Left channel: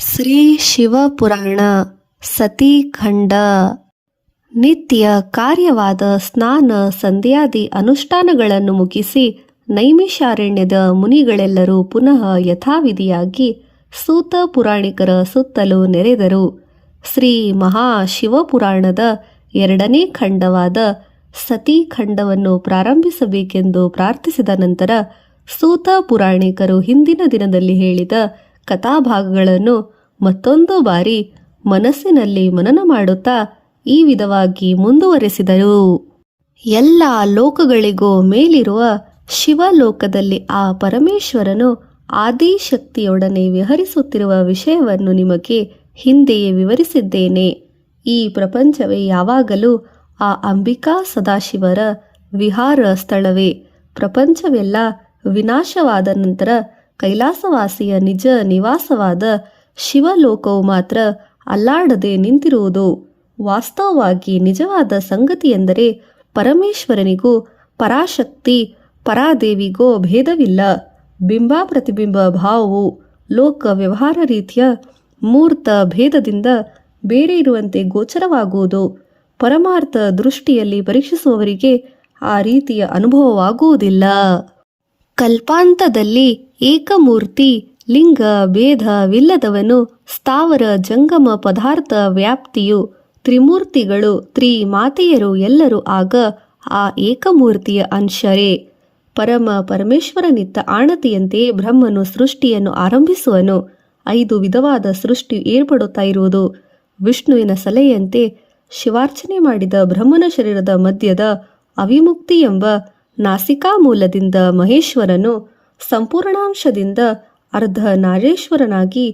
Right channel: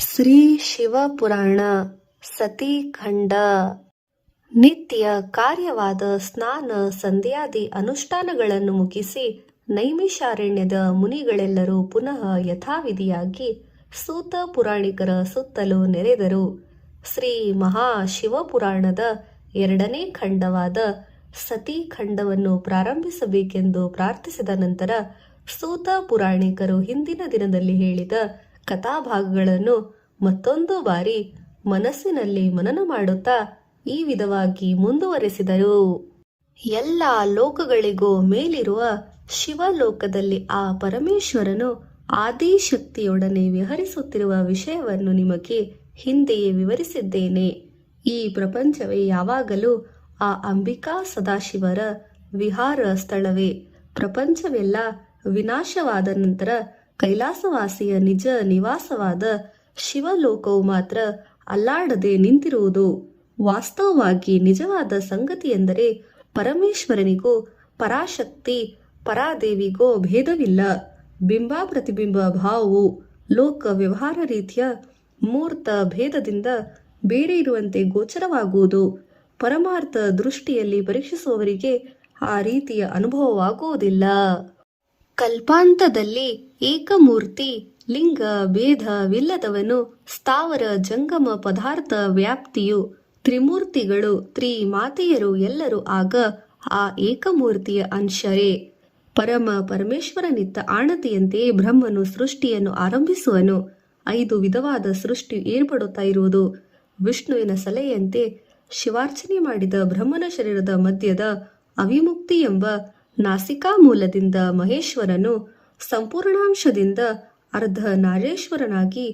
ಶ್ರೀ ಶಿವಪುರಾಣ ಸತೀಖಂಡ. ನಿತ್ಯ ಕಾರ್ಯವಾದ ಸ್ನಾನ ಸಂಧ್ಯಾದಿ ಅನುಷ್ಠಾನಗಳನ್ನು ಮುಗಿಸಿ ನೈಮಿಷಾರಣ್ಯದ ಮುನಿಗಳೆಲ್ಲರೂ ಪುನಃ ಯಥಾವಿಧಿಯಾಗಿ ಸೂತ ಪುರಾಣಿಕರ ಸುತ್ತಲೂ ನೆರೆದರು. ಶ್ರೀ ಮಹಾಶಿವಪುರಾಣದ ಎರಡನೇ ಖಂಡವಾದ ಸತೀಖಂಡವನ್ನು ಪ್ರಾರಂಭಿಸಬೇಕೆಂದು ಪ್ರಾರ್ಥಿಸಿದ ನಂತರ ಸೂತ ಪುರಾಣಿಕರು ಹಿಂದಿನ ದಿನದಲ್ಲಿ ಹೇಳಿದ ಕಥಾಭಾಗಗಳನ್ನು ಮತ್ತೊಂದು ಬಾರಿ ಮನಸ್ಸಿನಲ್ಲಿ ಮನನ ಮಾಡುತ್ತಾ ಈ ವಿಧವಾಗಿ ಮುಂದುವರೆಸಿದರು. ಎಲ್ಲ ಲೋಕಗಳಿಗೂ ಮೇಲಿರುವ ಶಿವಲೋಕದಲ್ಲಿ ಆ ಪರಮೇಶ್ವರನು ಆದಿಶಕ್ತಿಯೊಡನೆ ವಿಹರಿಸುತ್ತಿರುವ ವಿಷಯವನ್ನು ನಿಮಗೆ ಹಿಂದೆಯೇ ವಿವರಿಸಿದ್ದೇನೆ. ಈ ಪ್ರಪಂಚವೇ ಯಾವಾಗಲೂ ಆ ಅಂಬಿಕಾ ಸದಾಶಿವರ ವಿಹಾರ ಸ್ಥಳವೇ. ಪ್ರಪಂಚವೆಲ್ಲ ವಿನಾಶವಾದ ನಂತರ ಕೈಲಾಸವಾಸಿಯ ನಿಜ ನಿವಾಸವಾದ ಶಿವಲೋಕವು ಮಾತ್ರ ಅಲ್ಲಾಡದೆ ನಿಂತಿರುವುದು. ವಾಸ್ತವವಾಗಿ ನಿಜವಾದ ಸಂಗತಿಯೆಂದರೆ ಪರಮೇಶ್ವರನಿಗೂ ಪರಾಶಕ್ತಿ ಪರಾದೇವಿಗೂ ಭೇದವಿಲ್ಲ. ಬಿಂಬ ಪ್ರತಿಬಿಂಬ ಭಾವವು ಲೋಕ ವ್ಯವಹಾರ ರೀತಿಯ ಮೂರ್ತ ಭೇದದಿಂದ ಬೇರೆ ಇರುವಂತೆ ಗೋಚರವಾಗುವುದು. ಪರಮಾರ್ಥ ದೃಷ್ಟಿಯಲ್ಲಿ ಪರೀಕ್ಷಿಸುವವರಿಗೆ ಆ ರೀತಿಯ ಅನುಭವವಾಗುವುದಿಲ್ಲ. ಕಲ್ಪಾಂತದಲ್ಲಿ ಏಕಮೂರ್ತಿ ಲಿಂಗ ಭೇದವಿಲ್ಲದವನು ಸ್ಥಾವರ ಜಂಗಮ ಪದಾರ್ಥ ವ್ಯಾಪ್ತಿಯು ತ್ರಿಮೂರ್ತಿಗಳು ತ್ರಿಮಾತೆಯರು ಎಲ್ಲರೂ ಆಗ ಆ ಏಕಮೂರ್ತಿಯ ಅಂಶರೇ. ಪರಮೇಶ್ವರನಿತ್ತ ಆಣತಿಯಂತೆಯೇ ಬ್ರಹ್ಮನು ಸೃಷ್ಟಿಯನ್ನು ಆರಂಭಿಸುವನು. 5 ವಿಧವಾದ ಸೃಷ್ಟಿ ಏರ್ಪಡುತ್ತಾ ಇರುವುದು ವಿಷ್ಣುವಿನ ಸಲಹೆಯಂತೆ ಶಿವಾರ್ಚನೆ ಮಾಡಿದ ಬ್ರಹ್ಮನ ಶರೀರದ ಮಧ್ಯದ ಅವಿಮುಕ್ತಿ ಎಂಬ ನಾಸಿಕಾ ಮೂಲದಿಂದ ಮಹೇಶ್ವರನು ಸಂಪೂರ್ಣಾಂಶದಿಂದ ಅರ್ಧ ನಾರೇಶ್ವರನಾಗಿ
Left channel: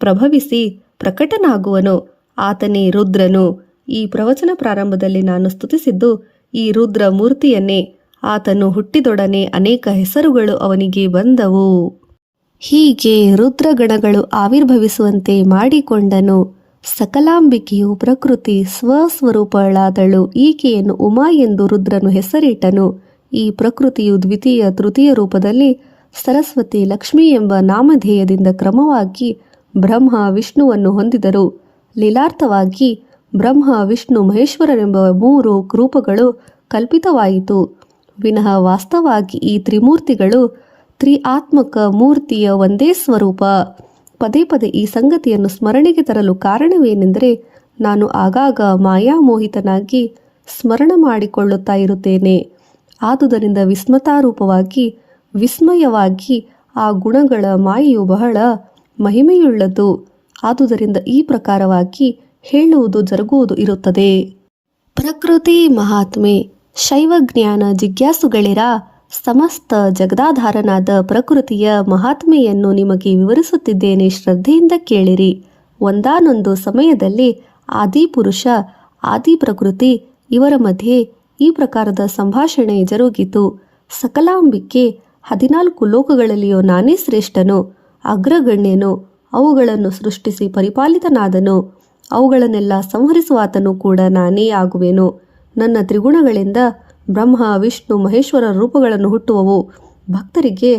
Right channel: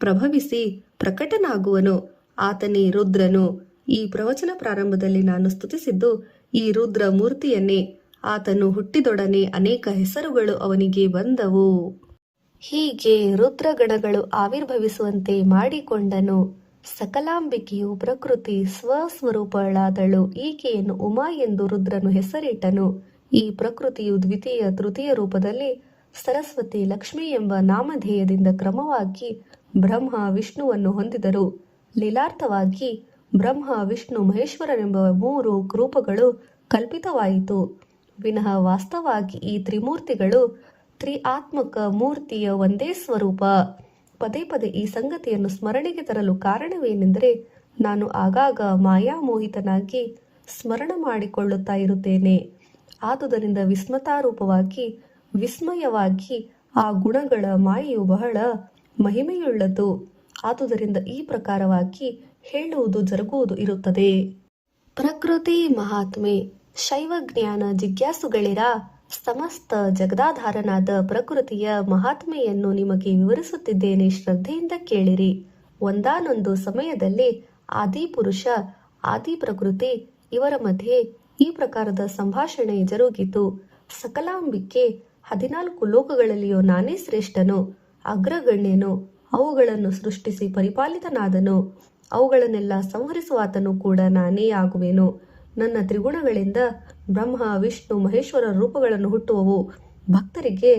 ಪ್ರಭವಿಸಿ ಪ್ರಕಟನಾಗುವನು. ಆತನೇ ರುದ್ರನು. ಈ ಪ್ರವಚನ ಪ್ರಾರಂಭದಲ್ಲಿ ನಾನು ಸ್ತುತಿಸಿದ್ದು ಈ ರುದ್ರ ಮೂರ್ತಿಯನ್ನೇ. ಆತನು ಹುಟ್ಟಿದೊಡನೆ ಅನೇಕ ಹೆಸರುಗಳು ಅವನಿಗೆ ಬಂದವು. ಹೀಗೆ ರುದ್ರಗಣಗಳು ಆವಿರ್ಭವಿಸುವಂತೆ ಮಾಡಿಕೊಂಡನು. ಸಕಲಾಂಬಿಕೆಯು ಪ್ರಕೃತಿ ಸ್ವಸ್ವರೂಪಳಾದಳು. ಈಕೆಯನ್ನು ಉಮಾ ಎಂದು ರುದ್ರನು ಹೆಸರಿಟ್ಟನು. ಈ ಪ್ರಕೃತಿಯು ದ್ವಿತೀಯ ತೃತೀಯ ರೂಪದಲ್ಲಿ ಸರಸ್ವತಿ ಲಕ್ಷ್ಮಿ ಎಂಬ ನಾಮಧೇಯದಿಂದ ಕ್ರಮವಾಗಿ ಬ್ರಹ್ಮ ವಿಷ್ಣುವನ್ನು ಹೊಂದಿದರು. ಲೀಲಾರ್ಥವಾಗಿ ಬ್ರಹ್ಮ ವಿಷ್ಣು ಮಹೇಶ್ವರರೆಂಬ 3 ರೂಪಗಳು ಕಲ್ಪಿತವಾಯಿತು ವಿನಃ ವಾಸ್ತವವಾಗಿ ಈ ತ್ರಿಮೂರ್ತಿಗಳು ತ್ರಿಆತ್ಮಕ ಮೂರ್ತಿಯ ಒಂದೇ ಸ್ವರೂಪ. ಪದೇ ಪದೇ ಈ ಸಂಗತಿಯನ್ನು ಸ್ಮರಣೆಗೆ ತರಲು ಕಾರಣವೇನೆಂದರೆ ನಾನು ಆಗಾಗ ಮಾಯಾಮೋಹಿತನಾಗಿ ಸ್ಮರಣ ಮಾಡಿಕೊಳ್ಳುತ್ತಾ ಇರುತ್ತೇನೆ. ಆದುದರಿಂದ ವಿಸ್ಮಯವಾಗಿ ಆ ಗುಣಗಳ ಮಾಯೆಯು ಬಹಳ ಮಹಿಮೆಯುಳ್ಳದು. ಆದುದರಿಂದ ಈ ಪ್ರಕಾರವಾಗಿ ಹೇಳುವುದು ಜರುಗುವುದು ಇರುತ್ತದೆ. ಪ್ರಕೃತಿ ಮಹಾತ್ಮೆ. ಶೈವಜ್ಞಾನ ಜಿಜ್ಞಾಸುಗಳಿರ ಸಮಸ್ತ ಜಗದಾಧಾರನಾದ ಪ್ರಕೃತಿಯ ಮಹಾತ್ಮೆಯನ್ನು ನಿಮಗೆ ವಿವರಿಸುತ್ತಿದ್ದೇನೆ, ಶ್ರದ್ಧೆಯಿಂದ ಕೇಳಿರಿ. ಒಂದಾನೊಂದು ಸಮಯದಲ್ಲಿ ಆದಿಪುರುಷ ಆದಿ ಪ್ರಕೃತಿ ಇವರ ಮಧ್ಯೆ ಈ ಪ್ರಕಾರದ ಸಂಭಾಷಣೆ ಜರುಗಿತು. ಸಕಲಾಂಬಿಕೆ 14 ಲೋಕಗಳಲ್ಲಿಯೂ ನಾನೇ ಶ್ರೇಷ್ಠನು, ಅಗ್ರಗಣ್ಯನು. ಅವುಗಳನ್ನು ಸೃಷ್ಟಿಸಿ ಪರಿಪಾಲಿತನಾದನು. ಅವುಗಳನ್ನೆಲ್ಲ ಸಂಹರಿಸುವಾತನು ಕೂಡ ನಾನೇ ಆಗುವೆನು. ನನ್ನ ತ್ರಿಗುಣಗಳಿಂದ ಬ್ರಹ್ಮ ವಿಷ್ಣು ಮಹೇಶ್ವರ ರೂಪಗಳನ್ನು ಹುಟ್ಟುವವು. ಭಕ್ತರಿಗೆ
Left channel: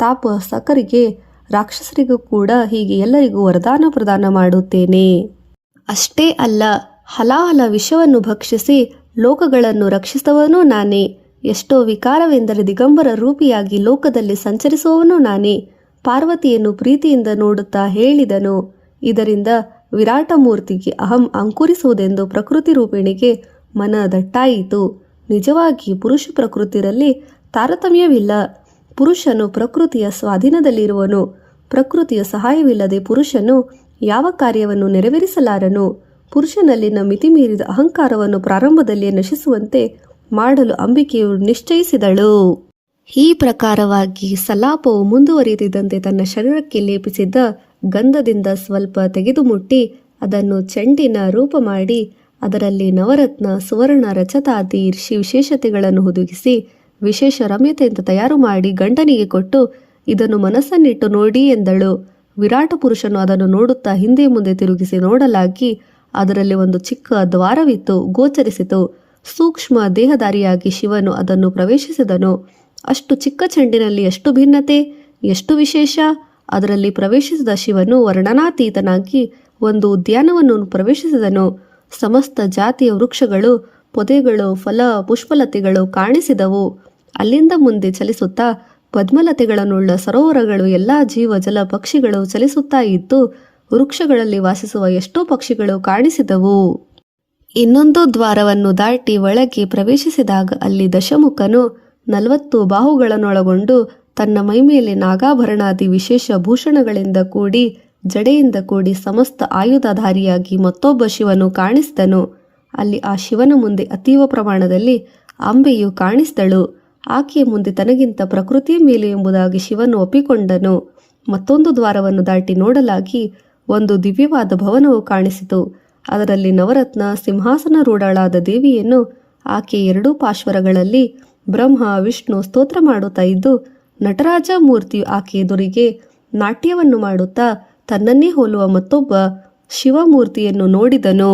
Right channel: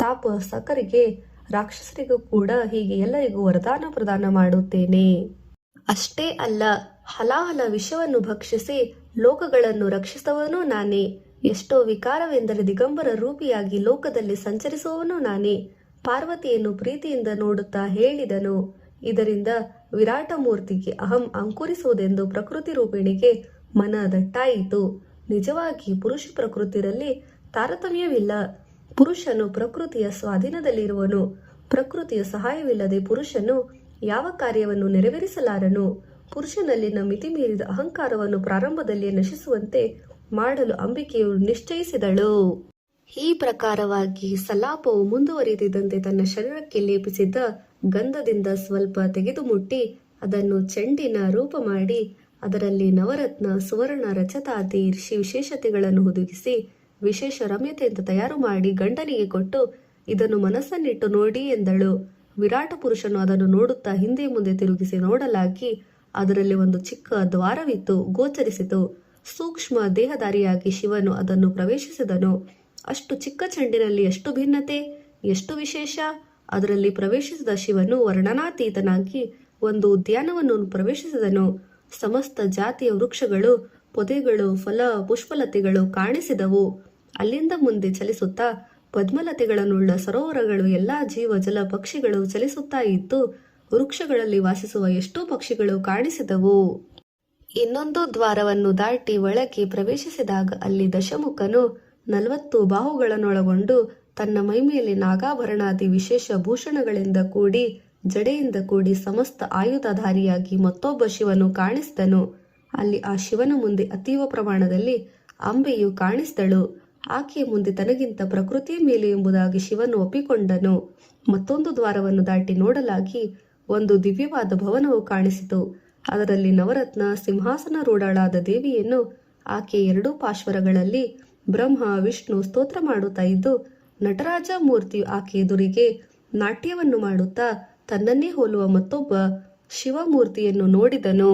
ತಾಪಸಕರಿಗೆ ರಾಕ್ಷಸರಿಗೂ ಕೂಡ ಹೀಗೆ ಎಲ್ಲರಿಗೂ ವರದಾನ ಪ್ರದಾನ ಮಾಡುತ್ತೇನೆ. ಅಷ್ಟೇ ಅಲ್ಲ, ಹಲಾಹಲ ವಿಷವನ್ನು ಭಕ್ಷಿಸಿ ಲೋಕಗಳನ್ನು ರಕ್ಷಿಸುವವನೂ ನಾನೇ. ಎಷ್ಟೋ ವಿಕಾರವೆಂದರೆ ದಿಗಂಬರ ರೂಪಿಯಾಗಿ ಲೋಕದಲ್ಲಿ ಸಂಚರಿಸುವವನು ನಾನೇ. ಪಾರ್ವತಿಯನ್ನು ಪ್ರೀತಿಯಿಂದ ನೋಡುತ್ತಾ ಹೇಳಿದನು, ಇದರಿಂದ ವಿರಾಟ ಮೂರ್ತಿಗೆ ಅಹಂ ಅಂಕುರಿಸುವುದೆಂದು ಪ್ರಕೃತಿ ರೂಪಿಣಿಗೆ ಮನ ದಟ್ಟಾಯಿತು. ನಿಜವಾಗಿ ಪುರುಷ ಪ್ರಕೃತಿಯಲ್ಲಿ ತಾರತಮ್ಯವಿಲ್ಲ. ಪುರುಷನು ಪ್ರಕೃತಿಯ ಸ್ವಾಧೀನದಲ್ಲಿರುವನು. ಪ್ರಕೃತಿಯ ಸಹಾಯವಿಲ್ಲದೆ ಪುರುಷನು ಯಾವ ಕಾರ್ಯವನ್ನು ನೆರವೇರಿಸಲಾರನು. ಪುರುಷನಲ್ಲಿನ ಮಿತಿಮೀರಿದ ಅಹಂಕಾರವನ್ನು ಪ್ರಾರಂಭದಲ್ಲಿಯೇ ನಶಿಸುವಂತೆ ಮಾಡಲು ಅಂಬಿಕೆಯು ನಿಶ್ಚಯಿಸಿದಳು. ಈ ಪ್ರಕಾರವಾಗಿ ಸಲಾಪವು ಮುಂದುವರಿದಿದ್ದಂತೆ ತನ್ನ ಶರೀರಕ್ಕೆ ಲೇಪಿಸಿದ್ದ ಗಂಧದಿಂದ ಸ್ವಲ್ಪ ತೆಗೆದು ಮುಟ್ಟಿ ಅದನ್ನು ಚೆಂಡಿನ ರೂಪ ಮಾಡಿ ಅದರಲ್ಲಿ ನವರತ್ನ ಸುವರ್ಣ ರಜತಾದಿ ವಿಶೇಷತೆಗಳನ್ನು ಹುದುಗಿಸಿ ವಿಶೇಷ ರಮ್ಯತೆಯಿಂದ ತಯಾರು ಮಾಡಿ ಗಂಡನಿಗೆ ಕೊಟ್ಟು ಇದನ್ನು ಮನಸ್ಸನ್ನಿಟ್ಟು ನೋಡಿ ಎಂದಳು. ವಿರಾಟ ಪುರುಷನು ಅದನ್ನು ನೋಡುತ್ತಾ ಹಿಂದೆ ಮುಂದೆ ತಿರುಗಿಸಿ ನೋಡಲಾಗಿ ಅದರಲ್ಲಿ ಒಂದು ಚಿಕ್ಕ ದ್ವಾರವಿತ್ತು ಗೋಚರಿಸಿತು. ಸೂಕ್ಷ್ಮ ದೇಹಧಾರಿಯಾಗಿ ಶಿವನು ಅದನ್ನು ಪ್ರವೇಶಿಸಿದನು. ಅಷ್ಟು ಚಿಕ್ಕ ಚೆಂಡಿನಲ್ಲಿ ಎಷ್ಟು ಭಿನ್ನತೆ, ಎಷ್ಟು ವಿಶೇಷ! ಅದರಲ್ಲಿ ಪ್ರವೇಶಿಸಿದ ಶಿವನು ವರ್ಣನಾತೀತನಾಗಿ ಒಂದು ಉದ್ಯಾನವನ್ನು ಪ್ರವೇಶಿಸಿದನು. ಸಮಸ್ತ ಜಾತಿಯ ವೃಕ್ಷಗಳು, ಪೊದೆಗಳು, ಫಲ ಪುಷ್ಪಲತೆಗಳು ಕಾಣಿಸಿದವು. ಅಲ್ಲಿಂದ ಮುಂದೆ ಚಲಿಸುತ್ತಾ ಪದ್ಮಲತೆಗಳನ್ನುಳ್ಳ ಸರೋವರಗಳು, ಎಲ್ಲ ಜೀವ ಜಲ ಪಕ್ಷಿಗಳು ಚಲಿಸುತ್ತಾ ಇದ್ದು ವೃಕ್ಷಗಳಲ್ಲಿ ವಾಸಿಸುವ ಎಷ್ಟೋ ಪಕ್ಷಿಗಳು ಕಾಣಿಸಿದವು. ಇನ್ನೊಂದು ದ್ವಾರವನ್ನು ದಾಟಿ ಒಳಗೆ ಪ್ರವೇಶಿಸಿದಾಗ ಅಲ್ಲಿ ದಶಮುಖನು 40 ಬಾಹುಗಳನ್ನೊಳಗೊಂಡು ತನ್ನ ಮೈಮೇಲೆ ನಾಗಾಭರಣಾದಿ ವಿಶೇಷ ಭೂಷಣಗಳಿಂದ ಕೂಡಿ ಜಡೆಯಿಂದ ಕೂಡಿ ಸಮಸ್ತ ಆಯುಧಧಾರಿಯಾಗಿ ಮತ್ತೊಬ್ಬ ಶಿವನು ಕಾಣಿಸಿದನು. ಅಲ್ಲಿ ಆ ಶಿವನ ಮುಂದೆ ಅತೀವ ಪ್ರಮಾಣದಲ್ಲಿ ಅಂಬೆಯು ಕಾಣಿಸಿದಳು. ಆಕೆಯ ಮುಂದೆ ತನಗಿಂತ ಪ್ರಕೃತಿಯ ಮೇಲೆ ಎಂಬುದಾಗಿ ಶಿವನು ಒಪ್ಪಿಕೊಂಡನು. ಮತ್ತೊಂದು ದ್ವಾರವನ್ನು ದಾಟಿ ನೋಡಲಾಗಿ ಒಂದು ದಿವ್ಯವಾದ ಭವನವು ಕಾಣಿಸಿತು. ಅದರಲ್ಲಿ ನವರತ್ನ ಸಿಂಹಾಸನರೂಢಳಾದ ದೇವಿಯನ್ನು ಆಕೆ 2 ಪಾರ್ಶ್ವಗಳಲ್ಲಿ ಬ್ರಹ್ಮ ವಿಷ್ಣು ಸ್ತೋತ್ರ ಮಾಡುತ್ತಾ ಇದ್ದು, ನಟರಾಜ ಮೂರ್ತಿಯು ಆಕೆ ಎದುರಿಗೆ ನಾಟ್ಯವನ್ನು ಮಾಡುತ್ತಾ ತನ್ನನ್ನೇ ಹೋಲುವ ಮತ್ತೊಬ್ಬ ಶಿವಮೂರ್ತಿಯನ್ನು ನೋಡಿದನು.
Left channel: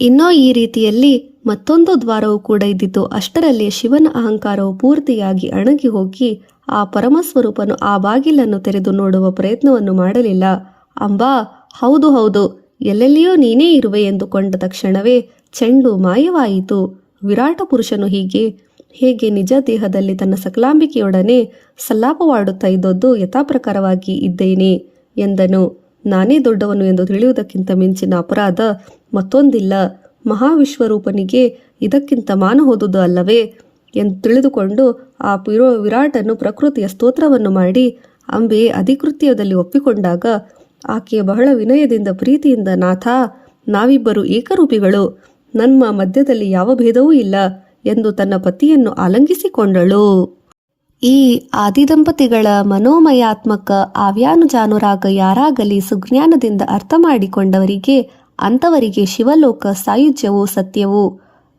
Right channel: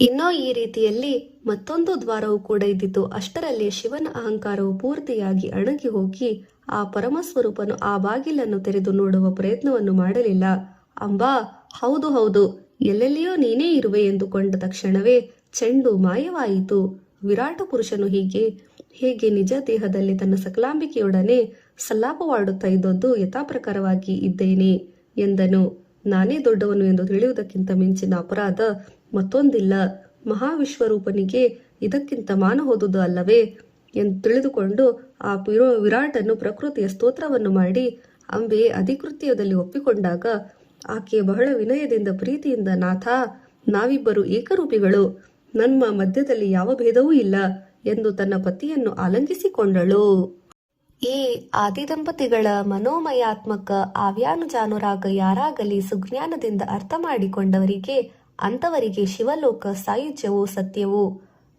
ಇನ್ನೂ ಈ ರೀತಿಯಲ್ಲಿ ಮತ್ತೊಂದು ದ್ವಾರವು ಕೂಡ ಇದ್ದಿತು. ಅಷ್ಟರಲ್ಲಿ ಶಿವನ ಅಹಂಕಾರವು ಪೂರ್ತಿಯಾಗಿ ಅಣಗಿ ಹೋಗಿ ಆ ಪರಮಸ್ವರೂಪನು ಆ ಬಾಗಿಲನ್ನು ತೆರೆದು ನೋಡುವ ಪ್ರಯತ್ನವನ್ನು ಮಾಡಲಿಲ್ಲ. ಅಂಬಾ, ಹೌದು ಹೌದು, ಎಲ್ಲೆಲ್ಲಿಯೋ ನೀನೇ ಇರುವೆ ಎಂದುಕೊಂಡ ತಕ್ಷಣವೇ ಚೆಂಡು ಮಾಯವಾಯಿತು. ವಿರಾಟ ಪುರುಷನು ಹೇಗೆ ನಿಜ ದೇಹದಲ್ಲಿ ತನ್ನ ಸಕಲಾಂಬಿಕೆಯೊಡನೆ ಸಲ್ಲಾಪವಾಡುತ್ತಾ ಇದ್ದದ್ದು ಯಥಾಪ್ರಕಾರವಾಗಿ ಇದ್ದೇನೆ ಎಂದನು. ನಾನೇ ದೊಡ್ಡವನು ಎಂದು ತಿಳಿಯುವುದಕ್ಕಿಂತ ಮಿಂಚಿನ ಅಪರಾಧ ಮತ್ತೊಂದಿಲ್ಲ. ಮಹಾವಿಶ್ವರೂಪನಿಗೆ ಇದಕ್ಕಿಂತ ಮಾನ ಹೋದುದು ಅಲ್ಲವೇ ಎಂದು ತಿಳಿದುಕೊಂಡು ಆ ವಿರಾಟನು ಪ್ರಕೃತಿಯ ಸ್ತೋತ್ರವನ್ನು ಮಾಡಿ ಅಂಬೆ ಅಧಿಕೃತ್ಯದಲ್ಲಿ ಒಪ್ಪಿಕೊಂಡಾಗ ಆಕೆಯ ಬಹಳ ವಿನಯದಿಂದ ಪ್ರೀತಿಯಿಂದ, ನಾಥ, ನಾವಿಬ್ಬರು ಏಕರೂಪಿಗಳು, ನಮ್ಮ ಮಧ್ಯದಲ್ಲಿ ಯಾವ ಭೇದವೂ ಇಲ್ಲ ಎಂದು ತನ್ನ ಪತಿಯನ್ನು ಆಲಂಗಿಸಿಕೊಂಡಳು. ಈ ಆದಿದಂಪತಿಗಳ ಮನೋಮಯಾತ್ಮಕ ಆವ್ಯಾನುಜಾನುರಾಗ ಯಾರಾಗಲಿ ಸುಜ್ಞಾನದಿಂದ ಅರ್ಥ ಮಾಡಿಕೊಂಡವರಿಗೆ ಅಂಥವರಿಗೆ ಶಿವಲೋಕ ಸಾಯುಜ್ಯವೂ ಸತ್ಯವೂ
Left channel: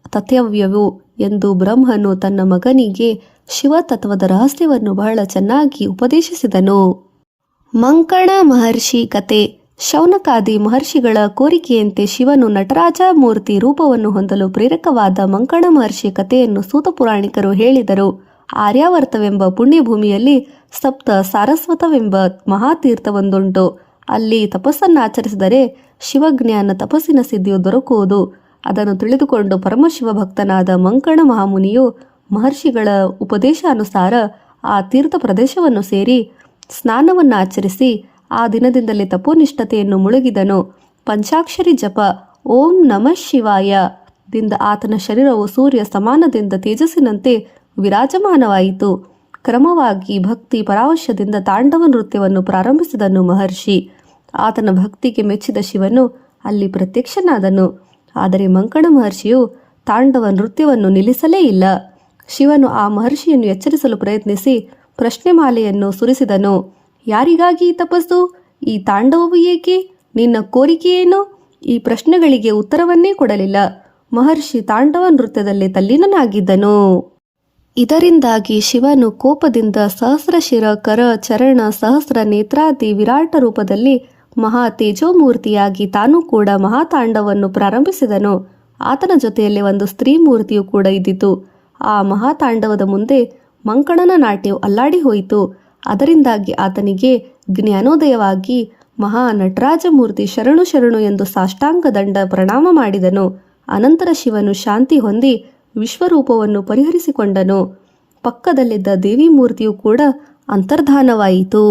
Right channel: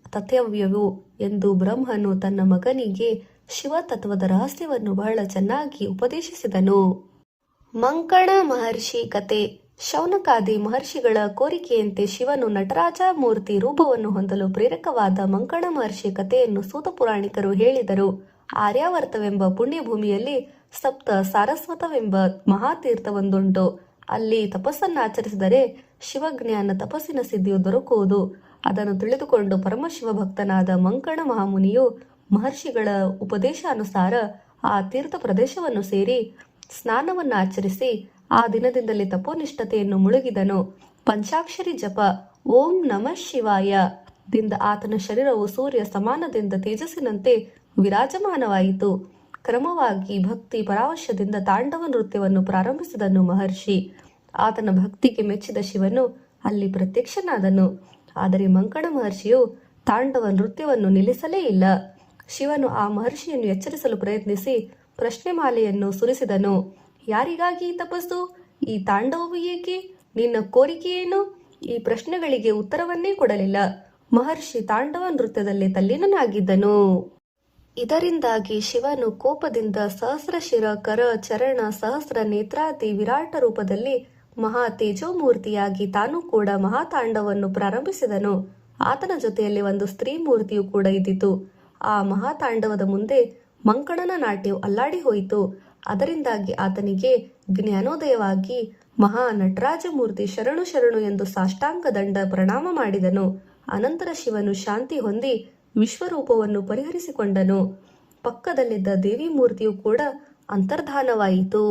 ತಥವ್ಯವೂ ಎಂದು ಬ್ರಹ್ಮನು ತನ್ನ ಮಗನಿಗೆ ಶಿವತತ್ವದ ರಹಸ್ಯವನ್ನು ಬಹಳ ಚೆನ್ನಾಗಿ ಉಪದೇಶಿಸಿದನು. ಮಂಕಣ ಮಹರ್ಷಿ ಕತೆ. ಶೌನಕಾದಿ ಮಹರ್ಷಿಗಳ ಕೋರಿಕೆಯಂತೆ ಶಿವನು ನಟರಾಜ ಮೂರ್ತಿ ರೂಪವನ್ನು ಹೊಂದಲು ಪ್ರೇರಕವಾದ ಮಂಕಣ ಮಹರ್ಷಿ ಕಥೆಯನ್ನು ಸೂತ ಪುರಾಣಿಕರು ಹೇಳಿದರು. ಆರ್ಯಾವರ್ತವೆಂಬ ಪುಣ್ಯಭೂಮಿಯಲ್ಲಿ ಸಪ್ತ ಸಾರಸ್ವತವೆಂಬ ಮಹಾತೀರ್ಥವೊಂದುಂಟು. ಅಲ್ಲಿ ತಪಸ್ಸನ್ನಾಚರಿಸಿದರೆ ಶಿವಜ್ಞಾನ ತಪಸ್ಸಿನ ಸಿದ್ಧಿಯು ದೊರಕುವುದು. ಅದನ್ನು ತಿಳಿದುಕೊಂಡು ಪರಮಶಿವ ಭಕ್ತನಾದ ಮಂಕಣ ಮಹಾಮುನಿಯು ಮಹರ್ಷಿಗಳ ಉಪದೇಶಾನುಸಾರ ಆ ತೀರ್ಥ ಪ್ರದೇಶವನ್ನು ಸೇರಿ ಸ್ನಾನವನ್ನು ಆಚರಿಸಿ ಆ ದಿನದಿಂದಲೇ ತಪೋನಿಷ್ಠತೆಯನ್ನು ಮುಳುಗಿದನು. ಪಂಚಾಕ್ಷರಿ ಜಪ ಓಂ ನಮಃ ಶಿವಾಯ ದಿಂದ ಆತನ ಶರೀರವು ಸೂರ್ಯ ಸಮಾನದಿಂದ ತೇಜಸ್ಸಿನಂತೆ ವಿರಾಜಮಾನವಾಯಿತು. ಕ್ರಮವಾಗಿ ಭಕ್ತಿ ಪರಾವಶ್ಯದಿಂದ ತಾಂಡವ ನೃತ್ಯವನ್ನು ಪ್ರಾರಂಭಿಸಿದನು ಮಹರ್ಷಿ. ಆತನ ಭಕ್ತಿಗೆ ಮೆಚ್ಚಿದ ಶಿವನು ಅಲ್ಲಿ ಪ್ರತ್ಯಕ್ಷನಾದನು. ಆದರೆ ಮಂಕಣ ಮಹರ್ಷಿಯು ತಾಂಡವ ನೃತ್ಯವನ್ನು ನಿಲ್ಲಿಸಲೇ ಇಲ್ಲ. ಶಿವನು ಆ ಮಹರ್ಷಿಯನ್ನು ಎಚ್ಚರಿಸಲು ಪ್ರಯತ್ನಿಸಿ ಪ್ರಶ್ನೆ ಮಾಲೆಯನ್ನು ಸುರಿಸಿದನು. ಯಾರಿಗಾಗಿ ಈ ತಪಸ್ಸು? ಈ ತಾಂಡವವು ಏಕೆ? ನಿನ್ನ ಕೋರಿಕೆಯೇನು? ಈ ಪ್ರಶ್ನೆಗಳಿಗೆ ಉತ್ತರವನ್ನೇ ಕೊಡಲಿಲ್ಲ. ಮಹರ್ಷಿ ತಾಂಡವ ನೃತ್ಯದಲ್ಲಿ ತಲ್ಲೀನನಾಗಿದ್ದನು. ಇದರಿಂದಾಗಿ ಶಿವನು ಕೋಪದಿಂದ ಸಹಸ್ರಶಿರ ಕರ ಚರಣ ಸಹಸ್ರ ನೇತ್ರಾದಿ ವಿರಾಟ ರೂಪದಲ್ಲಿ ಮಹಾ ತೇಜೋಮೂರ್ತಿಯಾಗಿ ತಾನೂ ಕೂಡ ಮಹಾತಾಂಡವನ್ನು ಪ್ರಾರಂಭಿಸಿದನು. ಆತನ ಜೊತೆಯಲ್ಲಿ ಒಂದು ಸ್ತ್ರೀ ಮೂರ್ತಿಯು ಕೂಡ ಇದ್ದಿತು. ಆ ಮಹಾತಾಂಡವದ ಮುಂದೆ ಮಂಕಣನ ನಾಟ್ಯವು ಅಲ್ಲಾಡಿ ಹೋಯಿತು. ಅದರಿಂದಾಗಿ ಆತನಿಗೆ ಜ್ಞಾನೋದಯವಾಗಿ ಮಹಾ ನಟರಾಜ ಮೂರ್ತಿ ಶರಣು ಶರಣು ಎಂದು ಸಾಷ್ಟಾಂಗ ದಂಡ ಪ್ರಣಾಮ ಮಾಡಿದನು. ಅನಂತರ ಶಿವನು ಶಾಂತಿ ಹೊಂದಿ ವಿಶ್ವರೂಪವನ್ನು ಪರಿಹರಿಸಿಕೊಂಡನು. ಪಕ್ಕದಲ್ಲಿದ್ದ ದೇವಿ ಮೂರ್ತಿಯು ಕೂಡ ಅಂತರ್ಧಾನವಾಯಿತು.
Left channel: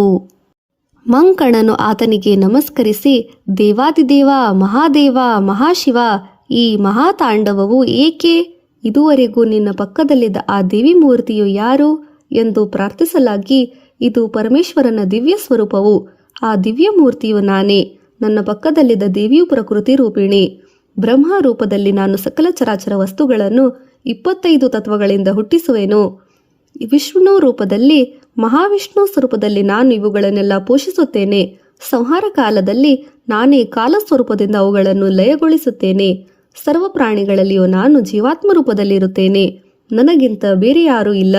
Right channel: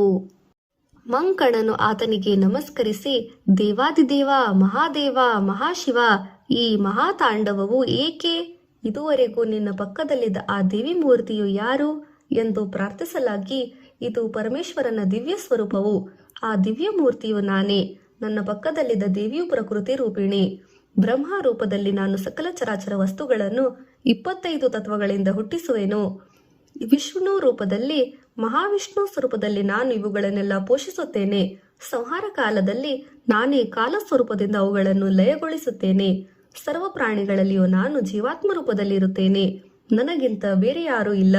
ಮಂಕಣನು ಆತನಿಗೆ ನಮಸ್ಕರಿಸಿ, ದೇವಾದಿದೇವ, ಮಹಾದೇವ, ಮಹಾಶಿವ, ಈ ಮಹಾತಾಂಡವವು ಏಕೆ? ಇದುವರೆಗೂ ನಿನ್ನ ಪಕ್ಕದಲ್ಲಿದ್ದ ಆ ದೇವಿ ಮೂರ್ತಿಯು ಯಾರು ಎಂದು ಪ್ರಾರ್ಥಿಸಲಾಗಿ, ಇದು ಪರಮೇಶ್ವರನ ದಿವ್ಯ ಸ್ವರೂಪವು, ಆ ದಿವ್ಯ ಮೂರ್ತಿಯು ನಾನೇ. ನನ್ನ ಪಕ್ಕದಲ್ಲಿದ್ದ ದೇವಿಯು ಪ್ರಕೃತಿ ರೂಪಿಣಿ. ಬ್ರಹ್ಮ ರೂಪದಲ್ಲಿ ನಾನು ಸಕಲ ಚರಾಚರ ವಸ್ತುಗಳನ್ನು 25 ತತ್ವಗಳಿಂದ ಹುಟ್ಟಿಸುವೆನು. ವಿಷ್ಣು ರೂಪದಲ್ಲಿ, ಮಹಾವಿಷ್ಣು ಸ್ವರೂಪದಲ್ಲಿ ನಾನು ಇವುಗಳನ್ನೆಲ್ಲ ಪೋಷಿಸುತ್ತೇನೆ. ಸಂಹಾರ ಕಾಲದಲ್ಲಿ ನಾನೇ ಕಾಲ ಸ್ವರೂಪದಿಂದ ಅವುಗಳನ್ನು ಲಯಗೊಳಿಸುತ್ತೇನೆ. ಸರ್ವ ಪ್ರಾಣಿಗಳಲ್ಲಿಯೂ ನಾನು ಜೀವಾತ್ಮ ರೂಪದಲ್ಲಿರುತ್ತೇನೆ. ನನಗಿಂತ ಬೇರೆ ಯಾರೂ ಇಲ್ಲ,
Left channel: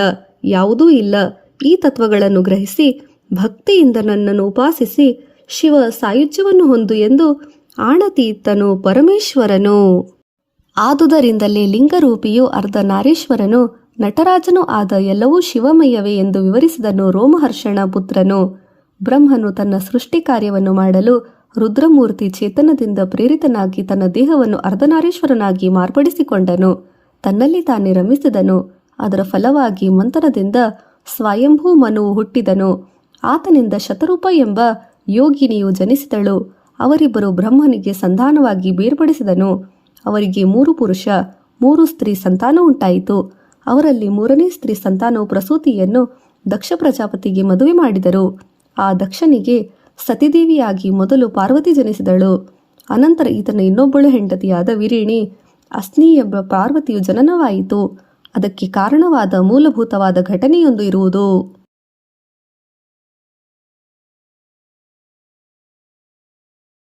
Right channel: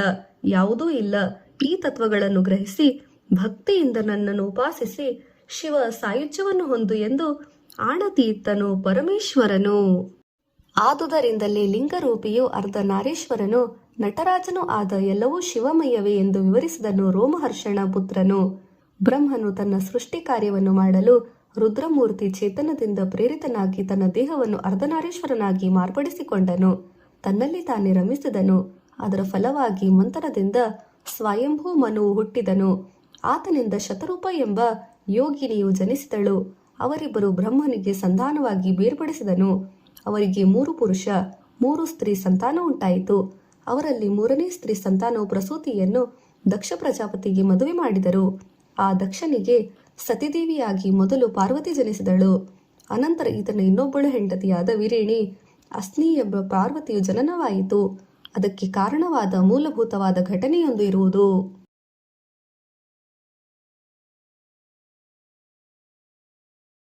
ಯಾವುದೂ ಇಲ್ಲ. ಈ ತತ್ವಗಳನ್ನು ಗ್ರಹಿಸಿ ಭಕ್ತಿಯಿಂದ ನನ್ನನ್ನು ಉಪಾಸಿಸಿ ಶಿವ ಸಾಯುಜ್ಯವನ್ನು ಹೊಂದು ಎಂದು ಆಣತೀರ್ಥನು ಪರಮೇಶ್ವರನು. ಆದುದರಿಂದಲೇ ಲಿಂಗರೂಪಿಯು ಅರ್ಧನಾರೀಶ್ವರನು ನಟರಾಜನೂ ಆದ ಎಲ್ಲವೂ ಶಿವಮಯವೇ ಎಂದು ವಿವರಿಸಿದನು ರೋಮಹರ್ಷಣ ಪುತ್ರನು. ಬ್ರಹ್ಮನು ತನ್ನ ಸೃಷ್ಟಿ ಕಾರ್ಯವನ್ನು ಮಾಡಲು ರುದ್ರಮೂರ್ತಿ ಚೇತನದಿಂದ ಪ್ರೇರಿತನಾಗಿ ತನ್ನ ದೇಹವನ್ನು ಅರ್ಧನಾರೀಶ್ವರನಾಗಿ ಮಾರ್ಪಡಿಸಿಕೊಂಡನು. ತನ್ನಲ್ಲಿ ತಾನೇ ರಮಿಸಿದನು. ಅದರ ಫಲವಾಗಿ ಮಂಥನದಿಂದ ಸ್ವಯಂಭೂ ಮನುವು ಹುಟ್ಟಿದನು. ಆತನಿಂದ ಶತರೂಪ ಎಂಬ ಯೋಗಿನಿಯು ಜನಿಸಿದಳು. ಅವರಿಬ್ಬರು ಬ್ರಹ್ಮನಿಗೆ ಸಂತಾನವಾಗಿ ಬೇರ್ಪಡಿಸಿದನು. ಅವರಿಗೆ 3 ಪುರುಷ 3 ಸ್ತ್ರೀ ಸಂತಾನ ಉಂಟಾಯಿತು. ಅವರಲ್ಲಿ 3ನೇ ಸ್ತ್ರೀ ಸಂತಾನವು ಪ್ರಸೂತಿಯನ್ನು ದಕ್ಷ ಪ್ರಜಾಪತಿಗೆ ಮದುವೆ ಮಾಡಿದರು. ಆ ದಕ್ಷನಿಗೆ ಸತಿದೇವಿಯಾಗಿ ಮೊದಲು ಪಾರ್ವತಿ ಜನಿಸಿದಳು. ಅನಂತರ ಈತನ ಇನ್ನೊಬ್ಬಳು ಹೆಂಡತಿಯಾದ ವಿರಿಣಿ ಅಸ್ನಿ ಎಂಬ ಪಾರ್ವತಿಯು ಜನನವಾಯಿತು. ಅದಕ್ಕೆ ಕಾರಣವಾದ ಮೂಲಭೂತವಾದ ಘಟನೆಯೊಂದು ಇರುವುದು.